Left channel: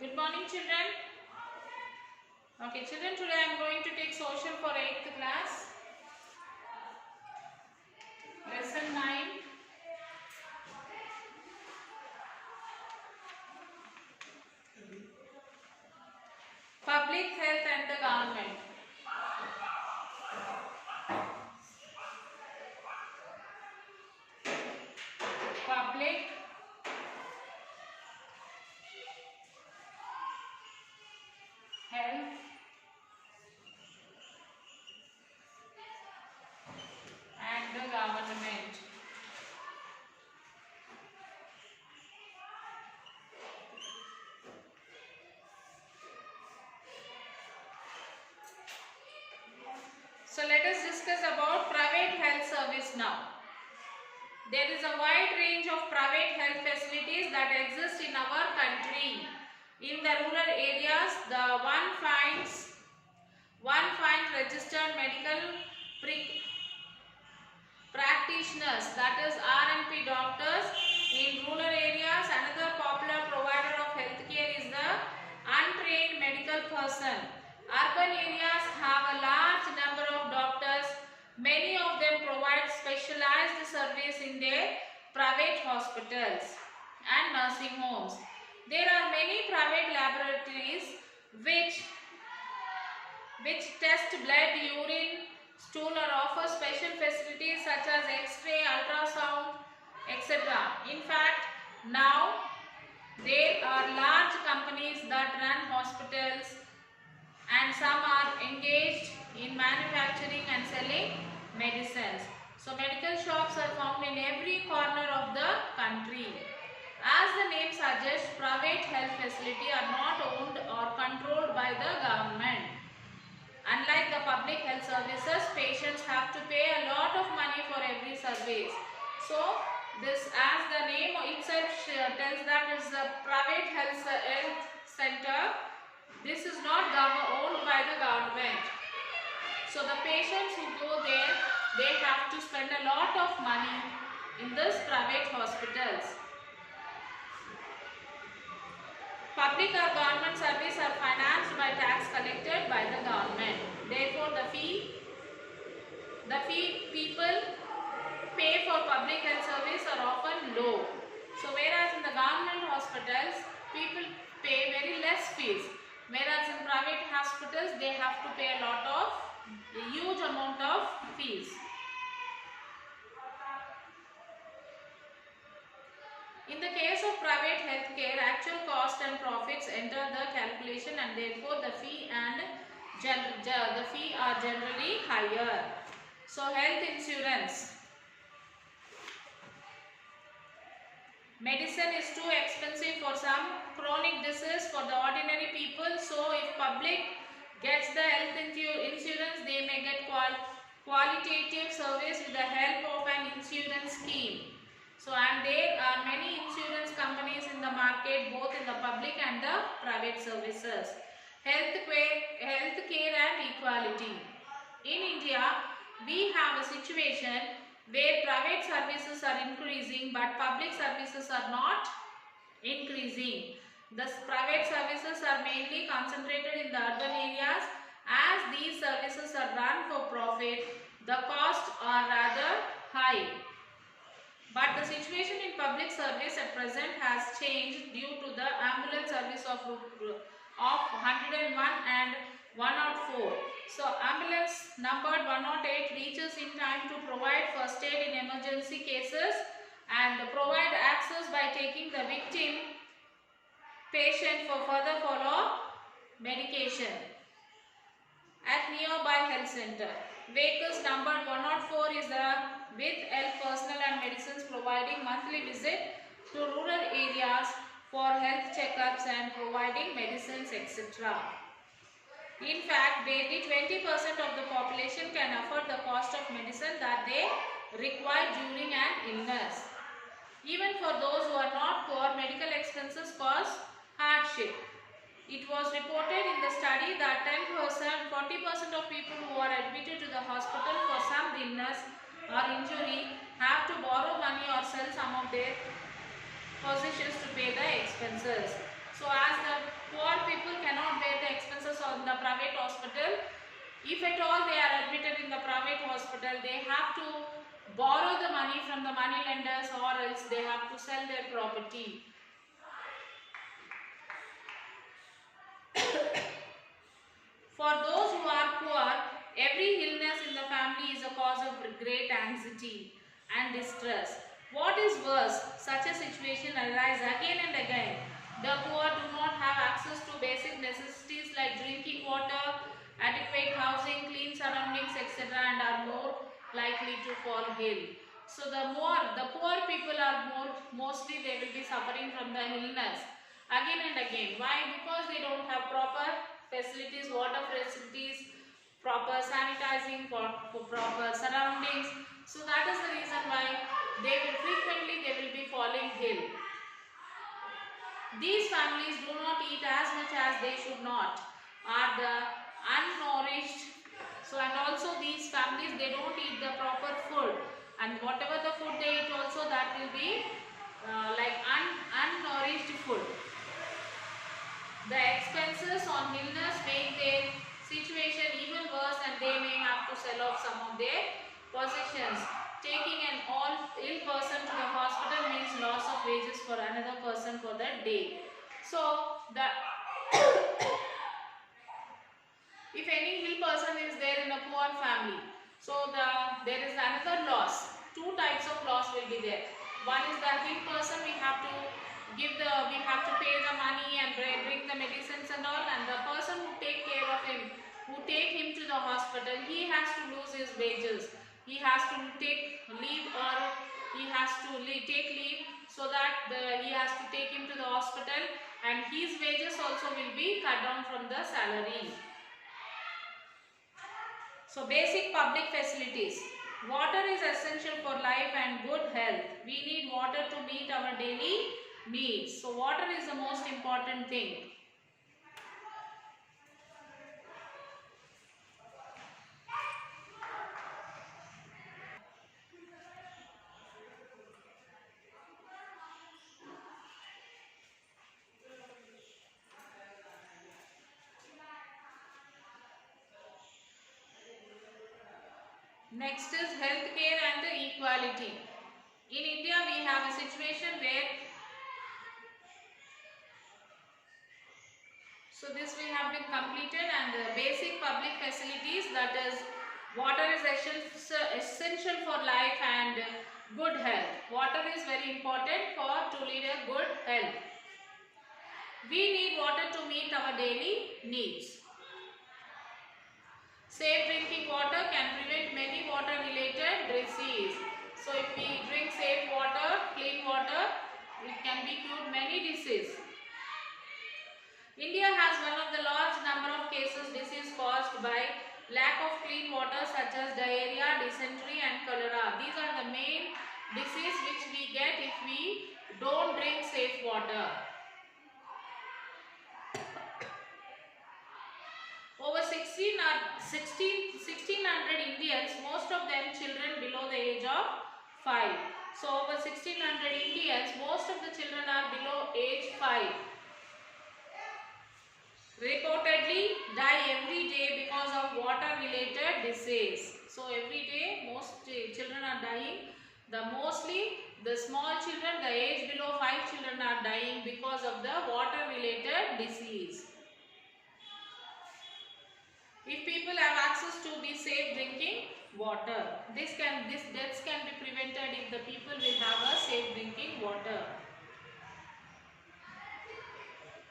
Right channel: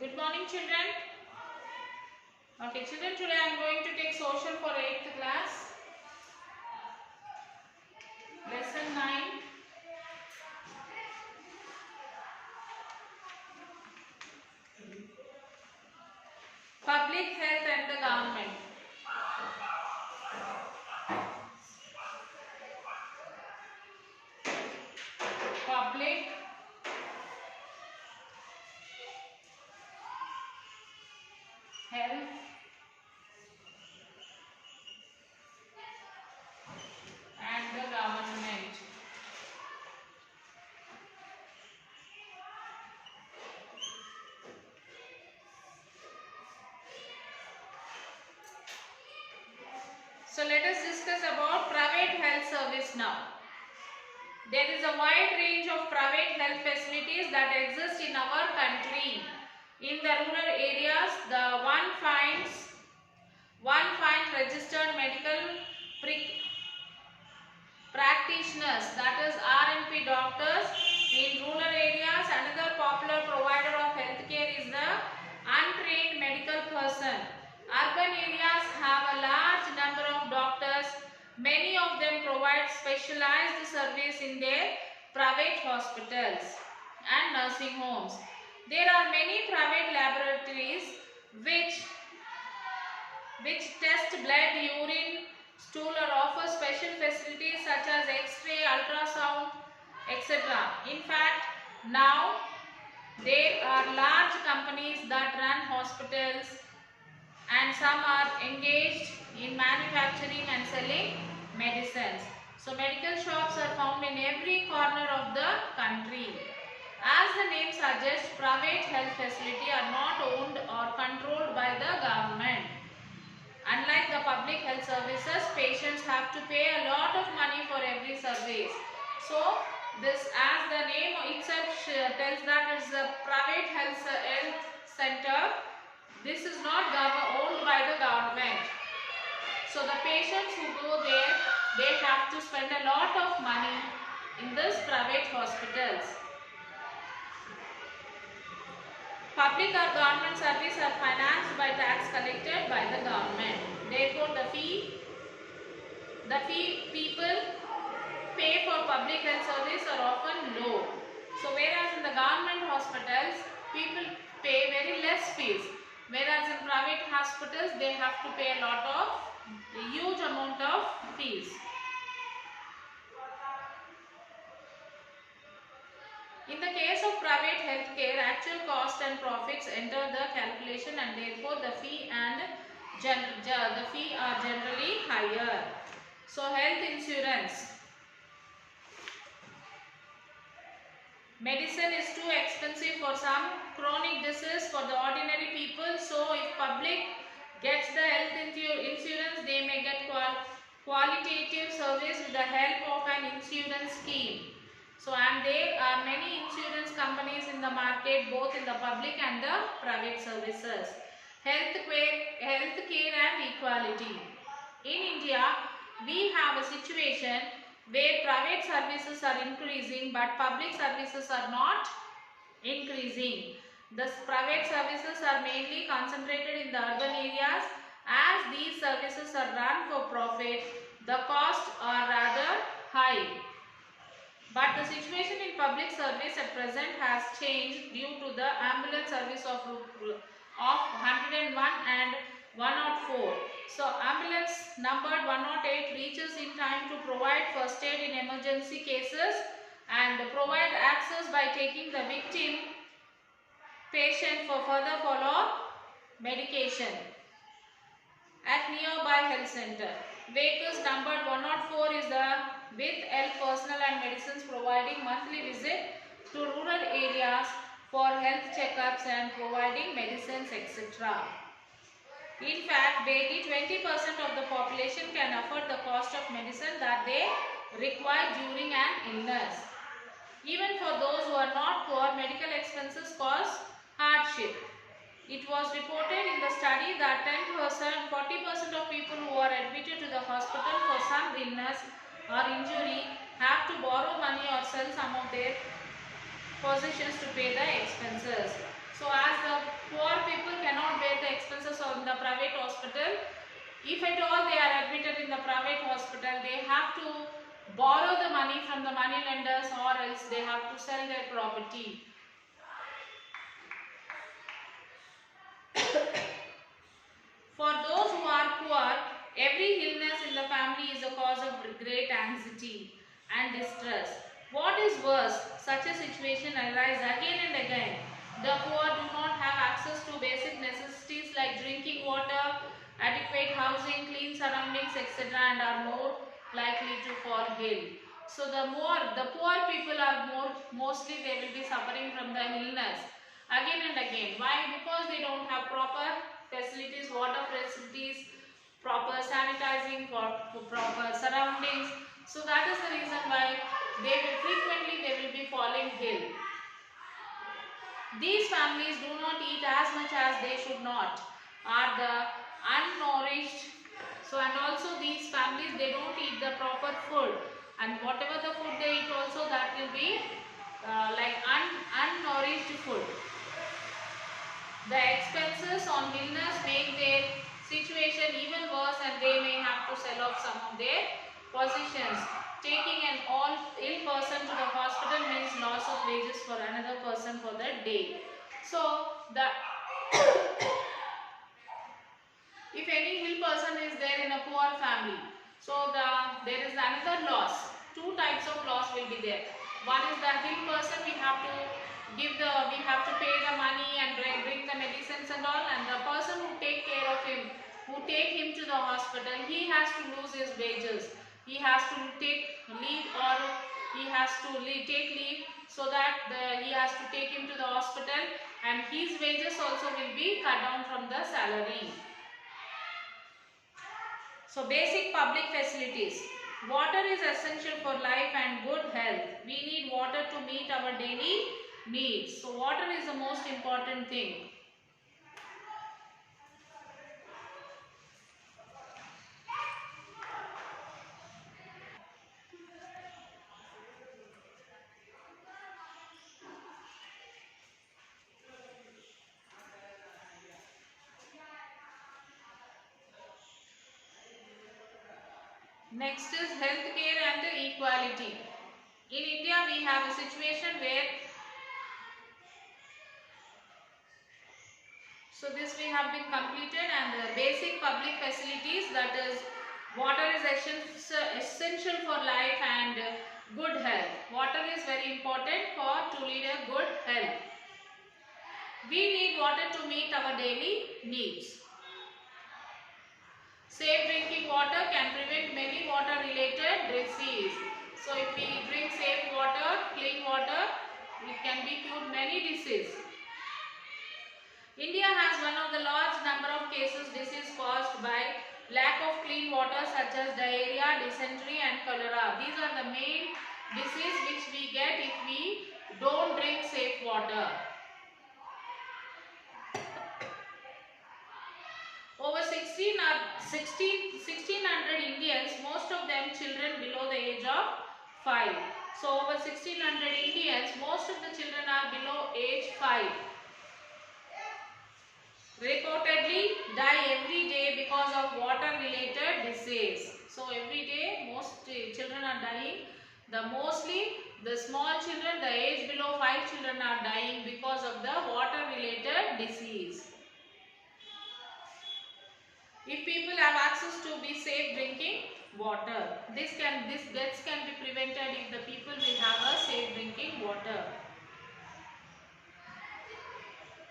Good morning, children. Okay, children, today I am going to take social for 8th class. Lesson 9. Public health and the government. Public health and the government. So let us discuss about private health service now. There is a wide range of private health facilities that exist in our country. In the rural areas, one finds registered medical practitioners, that is RMP doctors. In rural areas, another popular provider of healthcare is the untrained medical person. Urban areas have a large number of doctors. Many of them provide specialized service in their private hospitals and nursing homes. There are many private laboratories which test blood, urine, stool or offer special facilities such as X-ray, ultrasound, etc. In fact, now there are large companies that run hospitals and some are engaged in manufacturing and selling medicines. So medical shops are found in every corner of the country. As the name suggests, private health facilities are not owned or controlled by the government. Unlike the public health services, patients have to pay a lot of money for every service. So, this, as the name itself tells, that is a private health center. This is not owned by the government. So, the patients who go there, they have to spend a lot of money in these private hospitals. Public or government service are financed by tax collected by the government. Therefore, the fee people pay for public health service are often low. So, whereas in the government hospitals, people pay very less fees. Whereas in private hospitals, they have to pay a huge amount of fees. In the case of private healthcare, actual cost and profits enter the calculation and therefore the fee are generally higher. So health insurance. Medicine is too expensive for some chronic disease for the ordinary people. So if public gets the health insurance, they may get qualitative service with the help of an insurance scheme. So, and there are many insurance companies in the market, both in the public and the private services. Healthcare and equality. In India, we have a situation where private services are increasing but public services are not increasing. The private services are mainly concentrated in the urban areas. As these services are run for profit, the costs are rather high. But the situation in public service at present has changed due to the ambulance service of 101 and 104. So ambulance numbered 108 reaches in time to provide first aid in emergency cases and provide access by taking the victim patient for further follow-up medication at nearby health center. Vehicles numbered 104 is the with health personnel and medicines providing monthly visit to rural areas for health checkups and providing medicines, etc. In fact, barely 20% of the population can afford the cost of medicine that they require during an illness. Even for those who are not poor, medical expenses cause hardship. It was reported in the study that 40% of people who are admitted to the hospital for some illness or injury have to borrow money or sell some of their possessions to pay the expenses. So as the poor people cannot bear the expenses of the private hospital, if at all they are admitted in the private hospital, they have to borrow the money from the money lenders, or else they have to sell their property. For those who are poor, every illness in the family is a cause of great anxiety and distress. What is worse, such a situation arises again and again. The poor do not have access to basic necessities like drinking water, adequate housing, clean surroundings, etc., and are more likely to fall ill. So the poor people are mostly they will be suffering from the illness again and again. Why? Because they don't have proper facilities, water facilities, proper sanitizing, for proper surroundings. So that is the reason why they will be falling ill. These families do not eat as much as they should not, are the unnourished. So and also these families, they don't eat the proper food, and whatever the food they eat also, that will be like unnourished food. The expenses on illness make their situation even worse, and they may have to sell off some of their possessions. Taking an ill person to the hospital means loss of wages for another person for the day. So the if any ill person is there in a poor family, so there is another loss. Two types of loss will be there. One is the ill person, we have to pay the money and bring the medicines and all, and the person who take care of him, who take him to the hospital, he has to lose his wages. He has to take leave, or he has to take leave, so that he has to take him to the hospital, and his wages also will be cut down from the salary. So basic public facilities. Water is essential for life and good health. We need water to meet our daily needs. So water is the most important thing. Next is healthcare and equality. In India, we have a situation where, so this we have been completed, and the basic public facilities, that is water is essential for life and good health. Water is very important to lead a good health. We need water to meet our daily needs. Safe drinking water can prevent many water related diseases. So if we drink safe water, clean water, it can be cured many diseases. India has one of the large number of cases disease caused by lack of clean water, such as diarrhea, dysentery and cholera. These are the main diseases which we get if we don't drink safe water. Over 1600 Indians, most of them children below the age of 5. So over 1600 Indians, most of the children are below age 5. Reportedly die every day because of water related disease. So every day most children are dying. Mostly the small children, the age below 5 children are dying because of the water related disease. If people have access to be safe drinking water, these deaths can be prevented if the people will have a safe drinking water.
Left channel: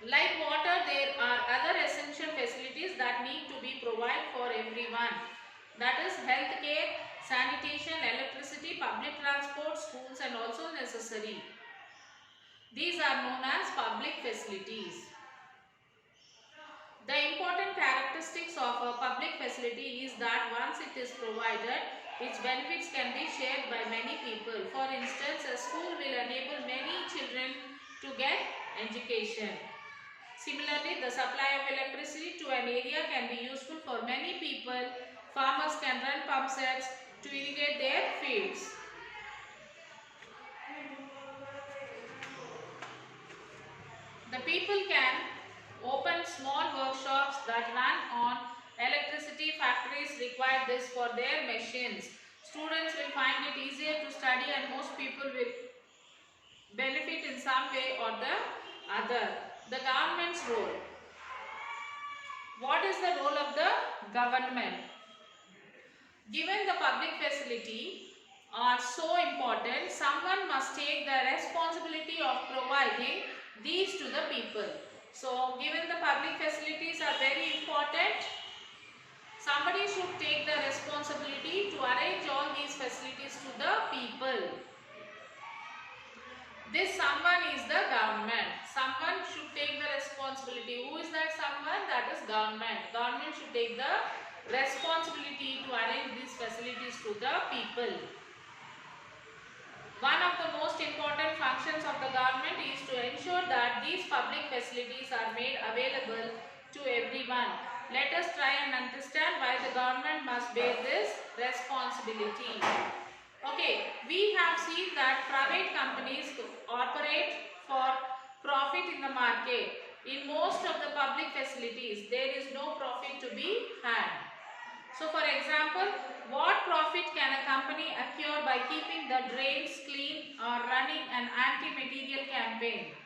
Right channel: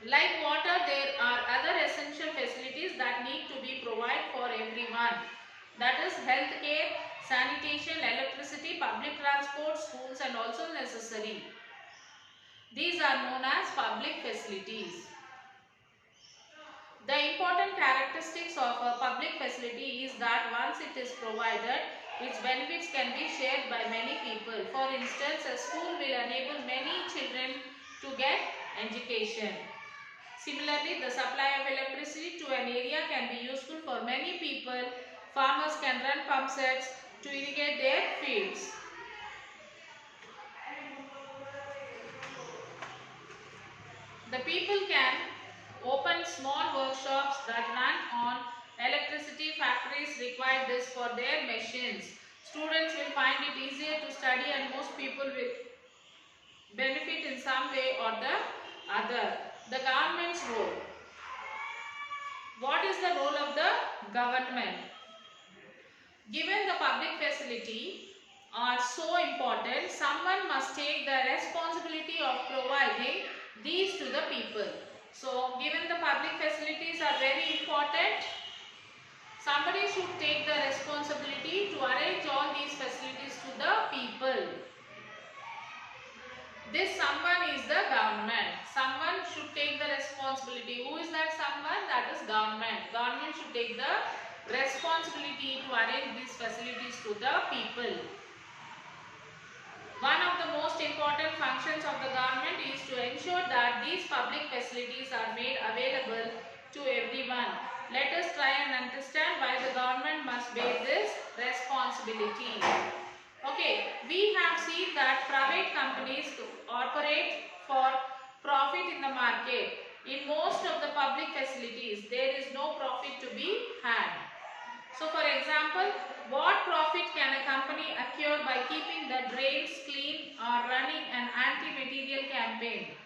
Like water, there are other essential facilities that need to be provided for everyone. That is health care, sanitation, electricity, public transport, schools and also necessary. These are known as public facilities. The important characteristics of a public facility is that once it is provided, its benefits can be shared by many people. For instance, a school will enable many children to get education. Similarly, the supply of electricity to an area can be useful for many people. Farmers can run pump sets to irrigate their fields. The people can open small workshops that run on electricity. Factories require this for their machines. Students will find it easier to study and most people will benefit in some way or the other. The government's role. What is the role of the government? Given the public facility are so important, someone must take the responsibility of providing these to the people. So, given the public facilities are very important, somebody should take the responsibility to arrange all these facilities to the people. This someone is the government. Someone should take the responsibility. Who is that someone? That is government. Government should take the responsibility to arrange these facilities to the people. One of the most important functions of the government is to ensure that these public facilities are made available to everyone. Let us try and understand why the government must bear this responsibility. Okay, we have seen that private companies operate for profit in the market. In most of the public facilities, there is no profit to be had. So, for example, what profit can a company accrue by keeping the drains clean or running an anti-material campaign?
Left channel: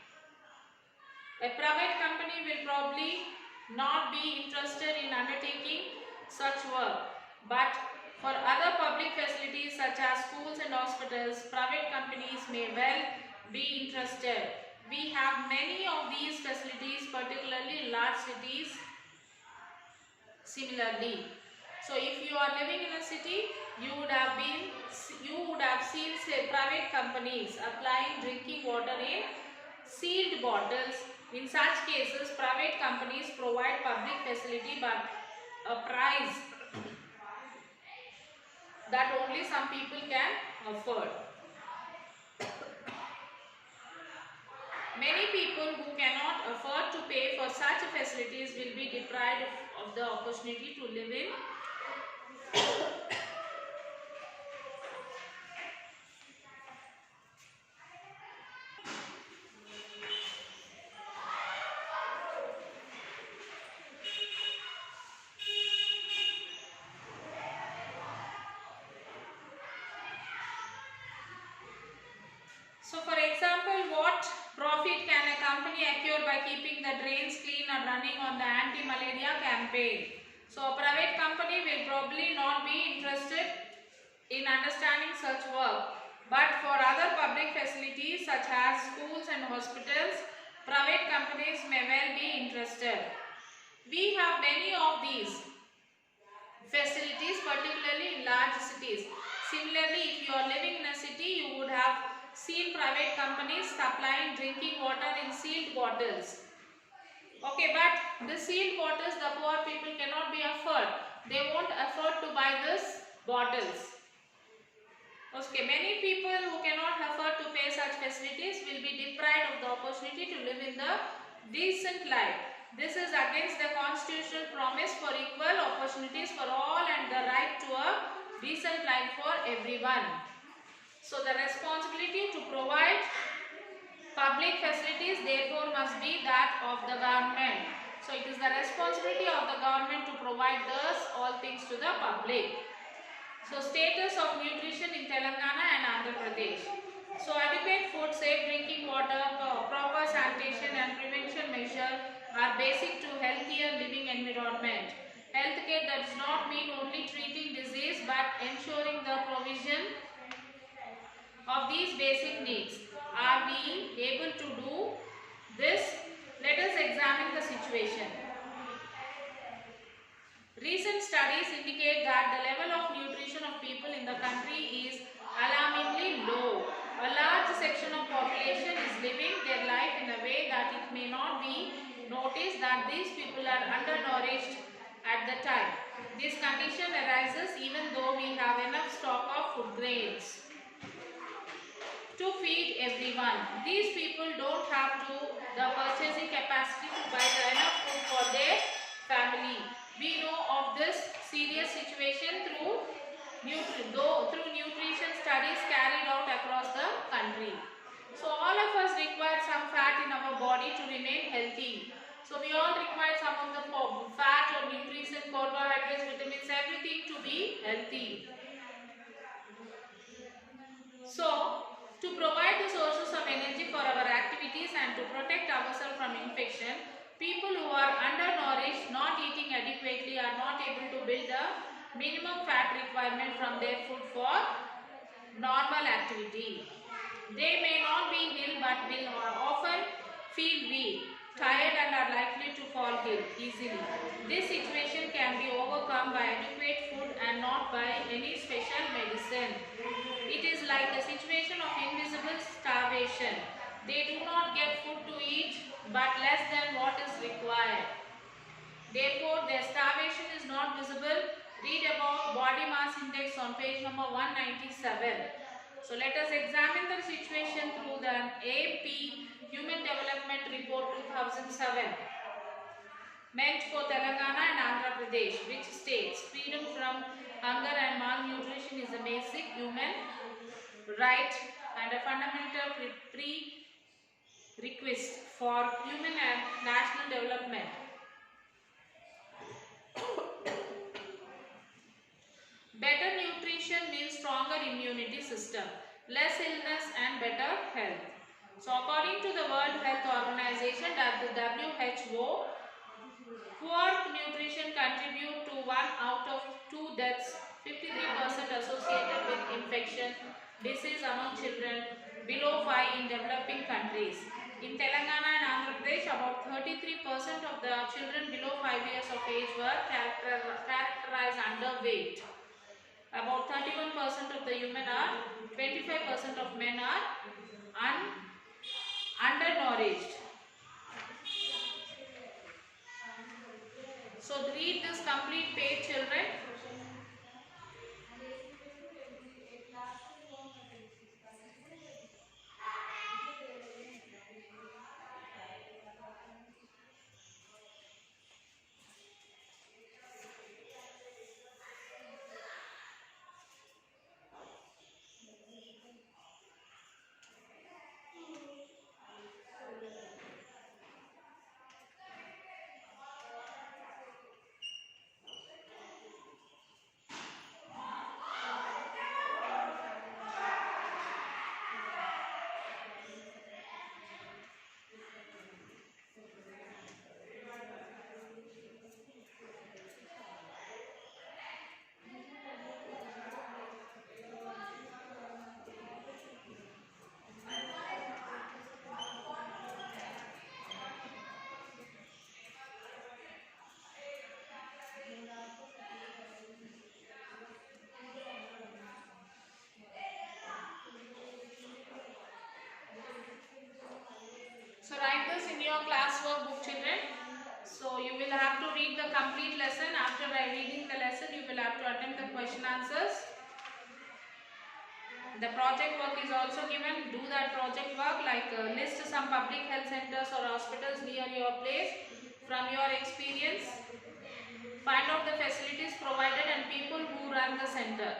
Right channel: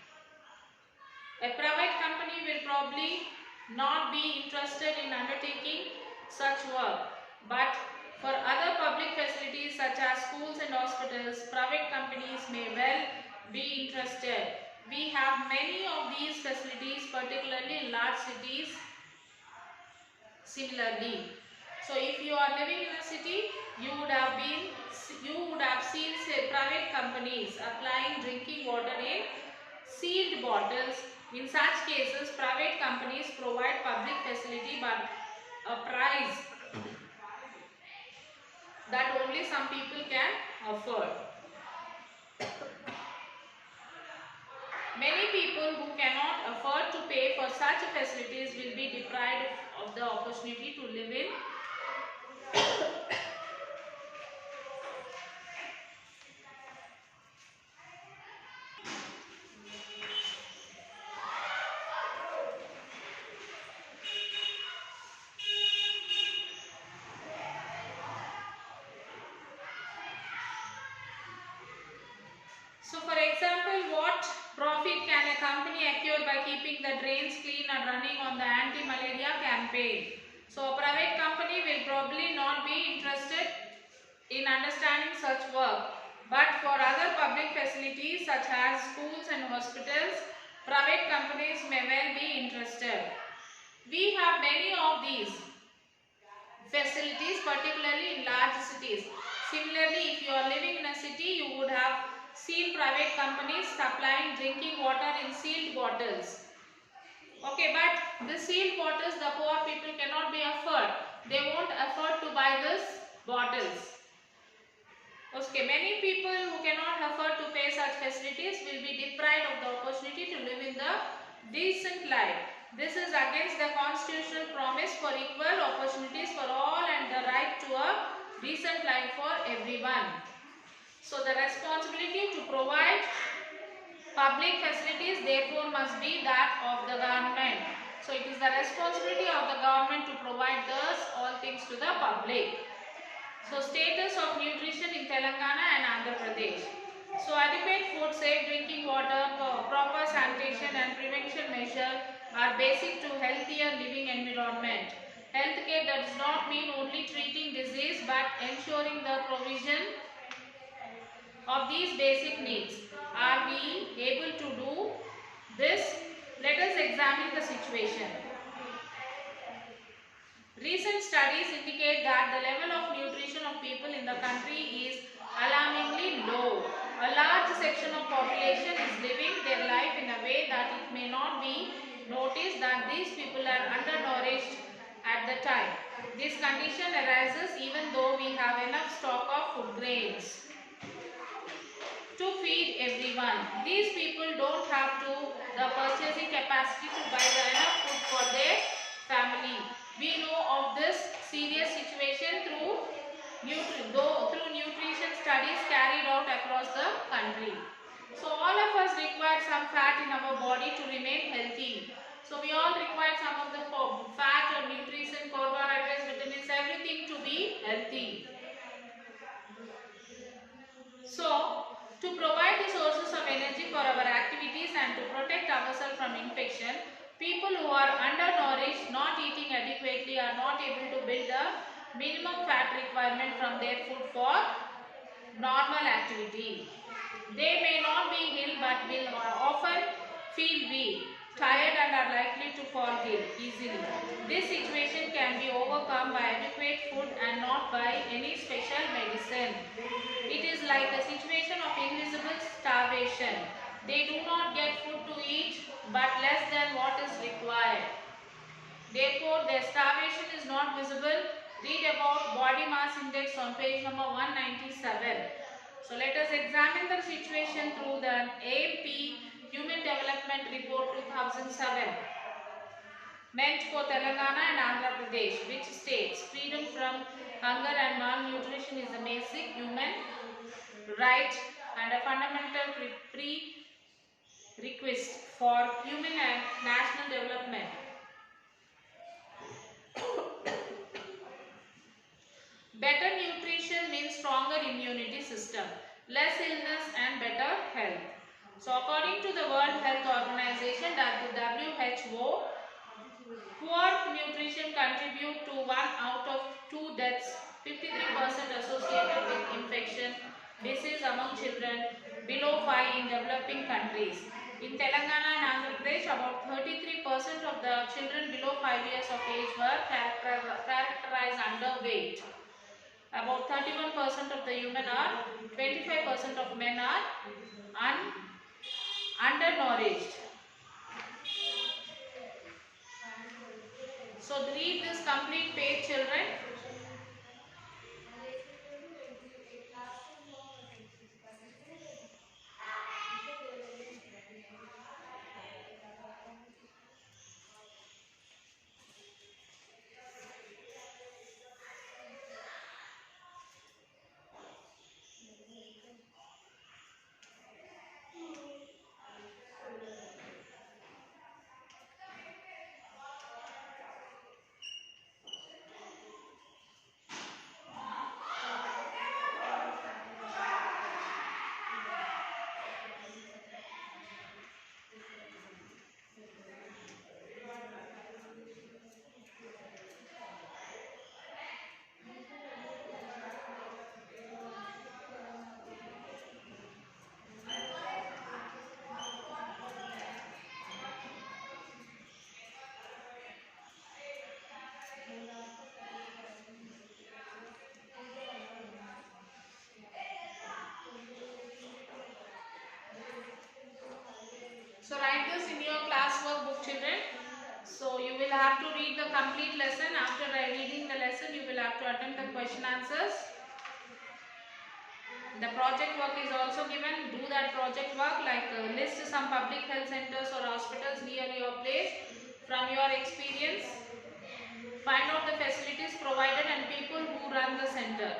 A private company will probably not be interested in undertaking such work, but for other public facilities such as schools and hospitals, private companies may well be interested. We have many of these facilities, particularly in large cities. Similarly, so if you are living in a city, you would have seen say, private companies applying drinking water in sealed bottles. In such cases, private companies provide public facility but a price that only some people can afford. Many people who cannot afford to pay for such facilities will be deprived of the opportunity to live in So, for example, what profit can a company accrue by keeping the drains clean and running on the anti-malaria campaign? So, a private company will probably not be interested in understanding such work. But for other public facilities such as schools and hospitals, private companies may well be interested. We have many of these facilities, particularly in large cities. Similarly, if you are living in a city, you would have seen private companies supplying drinking water in sealed bottles. Okay, but the sealed bottles the poor people cannot be afford. They won't afford to buy these bottles. Okay, many people who cannot afford to pay such facilities will be deprived of the opportunity to live in the decent life. This is against the constitutional promise for equal opportunities for all and the right to a decent life for everyone. So, the responsibility to provide public facilities therefore must be that of the government. So, it is the responsibility of the government to provide thus all things to the public. So, status of nutrition in Telangana and Andhra Pradesh. So, adequate food, safe drinking water, proper sanitation and prevention measures are basic to healthier living environment. Healthcare does not mean only treating disease but ensuring the provision of these basic needs. Are we able to do this? Let us examine the situation. Recent studies indicate that the level of nutrition of people in the country is alarmingly low. A large section of population is living their life in a way that it may not be noticed that these people are undernourished at the time. This condition arises even though we have enough stock of food grains to feed everyone. These people don't have the purchasing capacity to buy enough food for their family. We know of this serious situation through nutrition studies carried out across the country. So all of us require some fat in our body to remain To provide the sources of energy for our activities and to protect ourselves from infection, people who are undernourished, not eating adequately, are not able to build a minimum fat requirement from their food for normal activity. They may not be ill but will often feel weak, tired and are likely to fall ill easily. This situation can be overcome by adequate food and not by any special medicine. It is like a situation of invisible starvation. They do not get food to eat but less than what is required. Therefore, their starvation is not visible. Read about body mass index on page number 197. So, let us examine the situation through the AP Human Development Report 2007 meant for Telangana and Andhra Pradesh, which states freedom from hunger and malnutrition is a basic human right and a fundamental prerequisite for human and national development. Better nutrition means stronger immunity system, less illness and better health. So according to the World Health Organization, the WHO, poor nutrition contribute to 1 out of 2 deaths, 53% associated with infection, disease among children below 5 in developing countries. In Telangana and Andhra Pradesh, about 33% of the children below 5 years of age were characterized underweight. About 31% of the women are, 25% of men are undernourished. So read this complete page, children. So write this in your classwork book, children. So you will have to read the complete lesson. After reading the lesson, you will have to attempt the question answers. The project work is also given. Do that project work, like list some public health centers or hospitals near your place from your experience. Find out the facilities provided and people who run the center.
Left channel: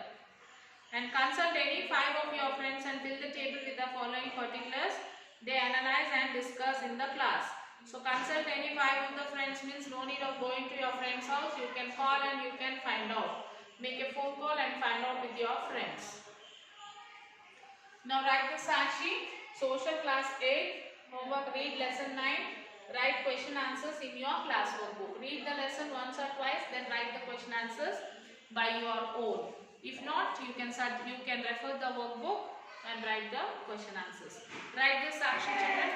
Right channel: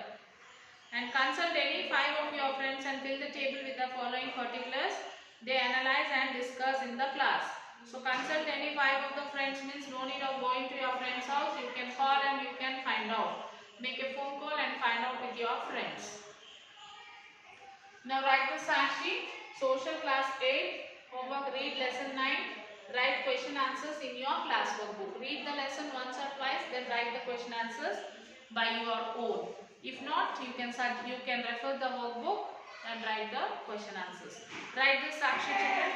And consult any 5 of your friends and fill the table with the following particulars. They analyze and discuss in the class. So consult any 5 of the friends means no need of going to your friend's house. You can call and you can find out. Make a phone call and find out with your friends. Now write the fact sheet. Social class 8. Homework, read lesson 9. Write question answers in your classwork book. Read the lesson once or twice, then write the question answers by your own. If not, you can refer the workbook and write the question answers. Write the fact sheet, children.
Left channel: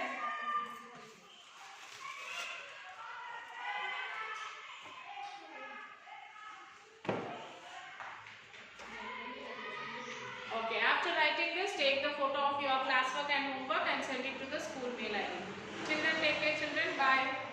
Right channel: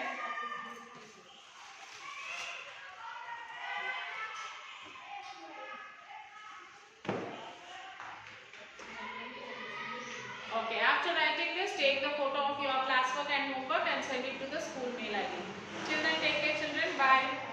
Okay, after writing this, take the photo of your classwork and homework and send it to the school mail ID. Children, take care, children. Bye.